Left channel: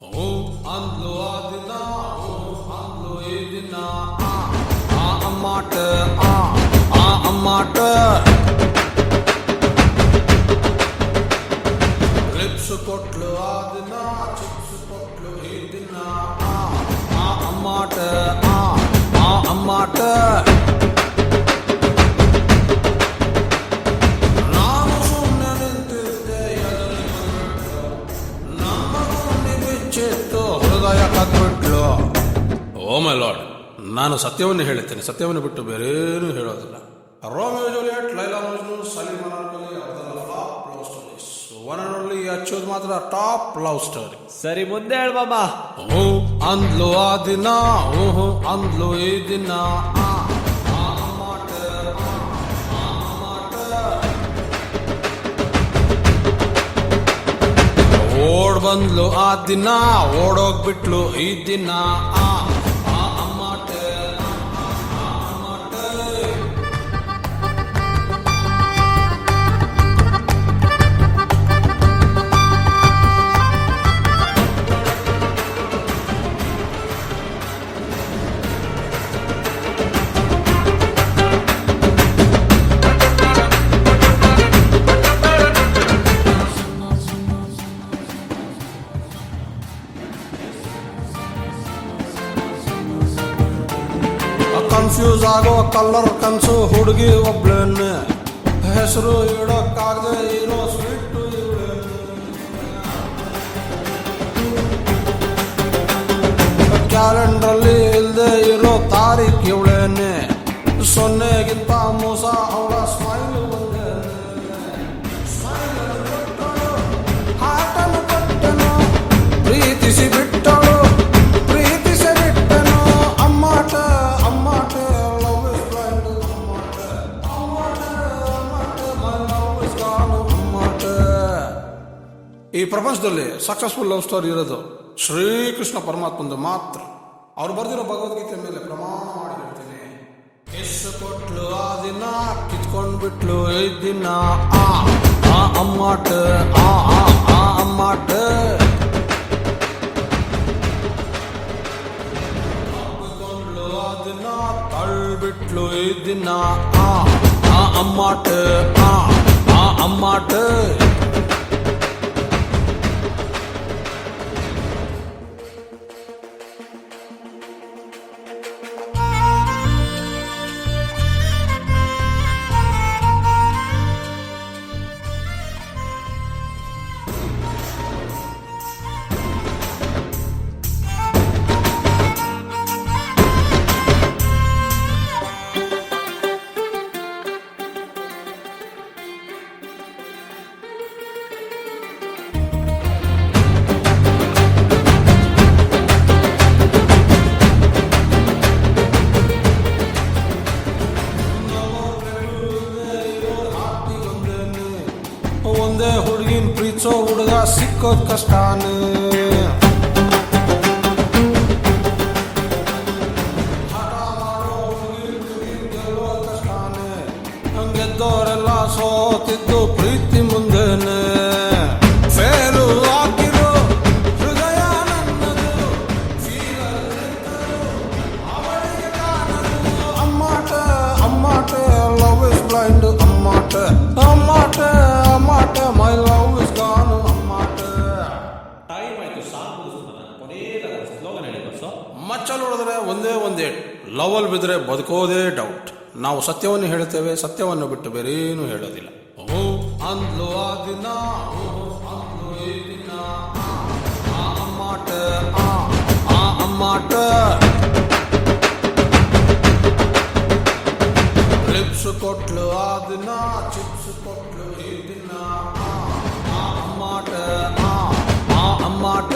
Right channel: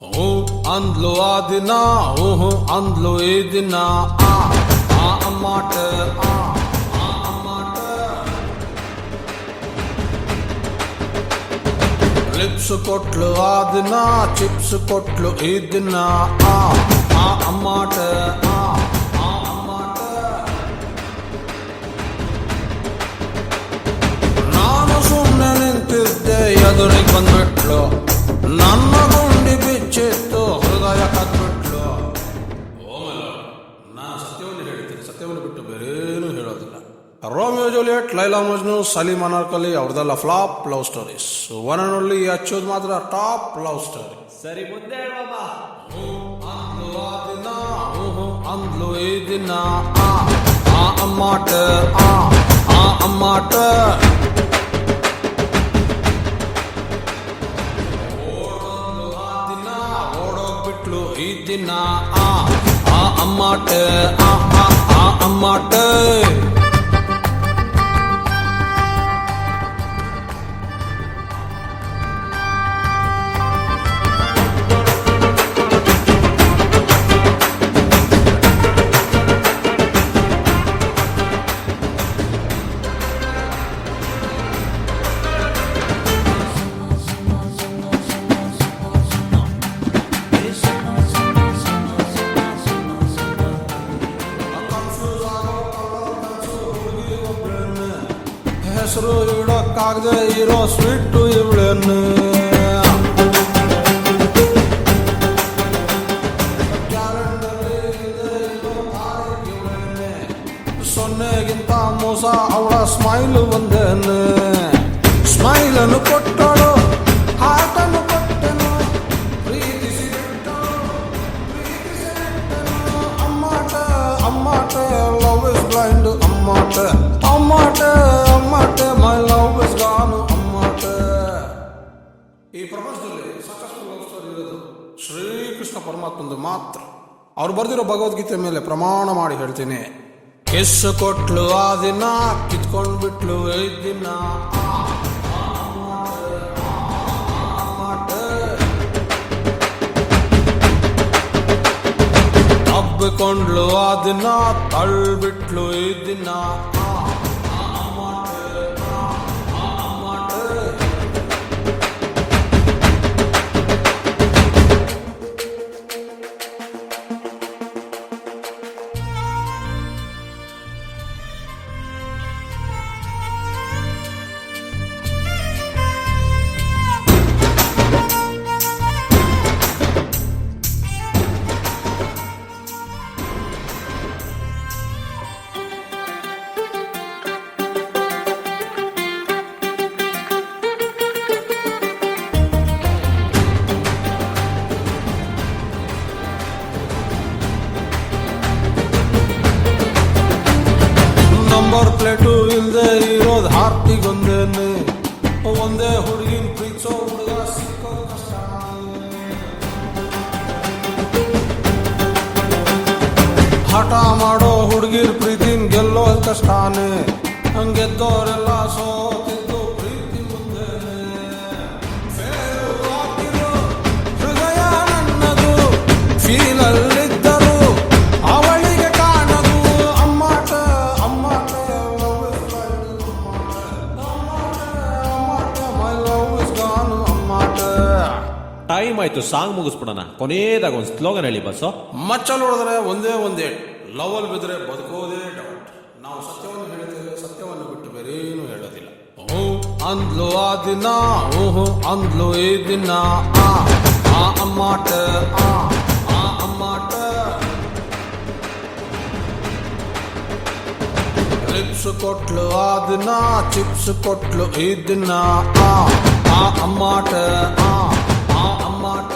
ಹ್ಞೂ ಅಂದ್ಲು ಆ ದಿನ ಹ್ಞೂ ಅಂದ್ಲು ಈ ದಿನ ಆ ಅಮ್ಮಾಟ ಆ ಅಮ್ಮಾಟ ಲಿಪ್ಸ್ ಕೊಟ್ಲು ಆ ದಿನ ಚಿಪ್ಸ್ ಕೊಟ್ಲು ಈ ದಿನ ಆ ಅಮ್ಮಾಟ ಆ ಅಮ್ಮಾಟ ನಾನು ಸುಮ್ಮನೆ ನಿಂತಿದ್ದೆ ಎದುರಿಗೆ ಬಂದ್ಬಿಟ್ಲು ನನ್ನ ಗುಂಡಿ ಬಿಚ್ಚಿತ್ತು ಹೃದಯ ಕದ್ಬಿಟ್ಲು. ಓ ಮೈ ಲಾರ್ಡ್, ನಾನು ಸತ್ಯವನ್ನು ಹೇಳುತ್ತೇನೆ, ಸತ್ಯವನ್ನು ಬಿಟ್ಟು ಬೇರೇನೂ ಹೇಳೋದಿಲ್ಲ. ರೋಮಿಯೋ ಜೂಲಿಯಟ್, ಲೈಲಾ ಮಜ್ನು, ಸಲೀಂ ಅನಾರ್ಕಲಿ ಅವ್ರದೆಲ್ಲ flop love stories. One and only ಅಚ್ಚೋದು ಮಾತ್ರ ಟಾಪ್ ಲವ್ ಸ್ಟೋರಿ. ಸರಿ ಮುಂದೆ ಹೇಳ್ಬಮ್ಮ. ಹ್ಞೂ ಅಂದ್ಲು ಆ ದಿನ ಹ್ಞೂ ಅಂದ್ಲು ಈ ದಿನ ಆ ಅಮ್ಮಾಟ ಆ ಅಮ್ಮಾಟ ಓಡ್ ಬಂದ್ಲು ಆ ದಿನ ಓಡೋಗ್ಬಿಟ್ಲು ಈ ದಿನ ಆ ಅಮ್ಮಾಟ ಆ ಅಮ್ಮಾಟ. ಕನ್ಫ್ಯೂಸ್ ಆಗೋ ಕಲರ್ ಕನ್ಸು ಹುಡುಗಿ ಒಬ್ಳೇನೆ, ಹೆಸರು ಇಡೋಕ್ಕಾಗದೆ ಇರೋ ಸ್ವೀಟು ಇವಳೇನೆ. ಕ್ಯಾಲೆಂಡ್ರಲ್ಲಿ ಇಲ್ಲದೆ ಇರೋ ತಾರೀಖ್ ಇವಳೇನೆ, ಸೊನ್ನೆಗಿಂತ ಮೋಸ ಅವಳ ಸ್ಮೈಲು ಒಂದೇನೆ. ಸ್ಮೈಲನ್ನು ಕೊಟ್ಟಳು ಹಾಟನ್ನು ಕೊಟ್ಟನು, ಪ್ರೀತಿಸಿ ಬಿಟ್ಟಳು ಪ್ರೀತಿಸಿ ಬಿಟ್ಟನು. ಅಮ್ಮಾಟ ಅಮ್ಮಾಟ ಲವ್ ಇಸ್ ಬ್ಲೈಂಡ್ ಅಮ್ಮಾಟ ಅಮ್ಮಾಟ ಅಮ್ಮಾಟ ಮೈ ಲವ್ ಇಸ್ ಗಾನು ಅಮ್ಮಾಟ. ಈ ಪ್ರಪಂಚದಲ್ಲಿ ಸಕ್ಸಸ್ಫುಲ್ ಲವ್ ಸ್ಟೋರಿ ಇರೋದು ಶ್ರೀಕೃಷ್ಣ ಪರಮಾತ್ಮಂದು ಮಾತ್ರ. ಅವ್ರು ಬರೆದಿರೋ ಭಗವದ್ಗೀತೆ ಮೇಲೆ ಪ್ರಮಾಣ ಮಾಡಿ ಹೇಳ್ತೀನಿ. ಕಿಸ್ ಕೊಟ್ಲು ಆ ದಿನ ಕಿತ್ಕೊಂಡ್ಬಿಟ್ಲು ಈ ದಿನ ಆ ಅಮ್ಮಾಟ ಆ ಅಮ್ಮಾಟ. ತಬ್ಬಿಕೊಂಡ್ಲು ಆ ದಿನ ತಳ್ಬಿಟ್ಲು ಈ ದಿನ ಆ ಅಮ್ಮಾಟ ಆ ಅಮ್ಮಾಟ. ಪ್ಲೇಟು ಇಲ್ದೆ ಇರೋದು ಹಾರ್ಟಿಗೊಂದೇನೆ, ಒಂದೇ ಹುಡುಗಿನ ಪ್ರೀತಿಸೋ ಹುಡುಗ ಸಿಕ್ಕೋದ್ ಕಷ್ಟಾನೆ. ಹಠ ಮಾಡೋ ಹುಡುಗಿರ್ ಪ್ರೀತಿನ ಗೆಲ್ಲೋದ್ ಕಷ್ಟಾನೆ, ಹಂಗೆದ್ದೋರೆಲ್ಲ ಸೋತಿದ್ದು ಪ್ರೀತಿ ಮುಂದೆನೆ. ಫೇಲು ಆಗಿರೋ ಹೃದಯ ನನ್ನದು, ಫೀಲಲ್ಲಿದ್ದರು ಅವಳಿಗೆ ಕಾಣದು. ಅಮ್ಮಾಟ ಅಮ್ಮಾಟ ಲವ್ ಇಸ್ ಬ್ಲೈಂಡ್ ಅಮ್ಮಾಟ ಅಮ್ಮಾಟ ಅಮ್ಮಾಟ ಮೈ ಲವ್ ಇಸ್ ಗಾನು ಅಮ್ಮಾಟ. ಟೈಮ್ ಆಯ್ತು, ಸಾಂಗ್ ಮುಗಿಸ್ಬಿಡೋಣ. ಕೊನೆಯದಾಗ ಒಂದು ಸ್ಲೋಗನ್ ಹೇಳಿ ಬಸ್ಸು. ಮಚ್ಚಲ್ಲಿ ಹೊಡೆದ್ರೆ ಒಂದೇ ಒಂದೇ, ಲವಲ್ ಬಿದ್ರೆ ಬದುಕೋದೇ ಡೌಟ್. ನಾವು ಸತ್ಯವನ್ನು ಹೇಳುತ್ತೇವೆ, ಸತ್ಯವನ್ನು ಬಿಟ್ಟು ಬೇರೇನು ಹೇಳೋದಿಲ್ಲ. ಹ್ಞೂ ಅಂದ್ಲು ಆ ದಿನ ಹ್ಞೂ ಅಂದ್ಲು ಈ ದಿನ ಆ ಅಮ್ಮಾಟ ಆ ಅಮ್ಮಾಟ. ಲಿಪ್ಸ್ ಕೊಟ್ಲು ಆ ದಿನ ಚಿಪ್ಸ್ ಕೊಟ್ಲು ಈ ದಿನ ಆ ಅಮ್ಮಾಟ ಆ ಅಮ್ಮಾಟ.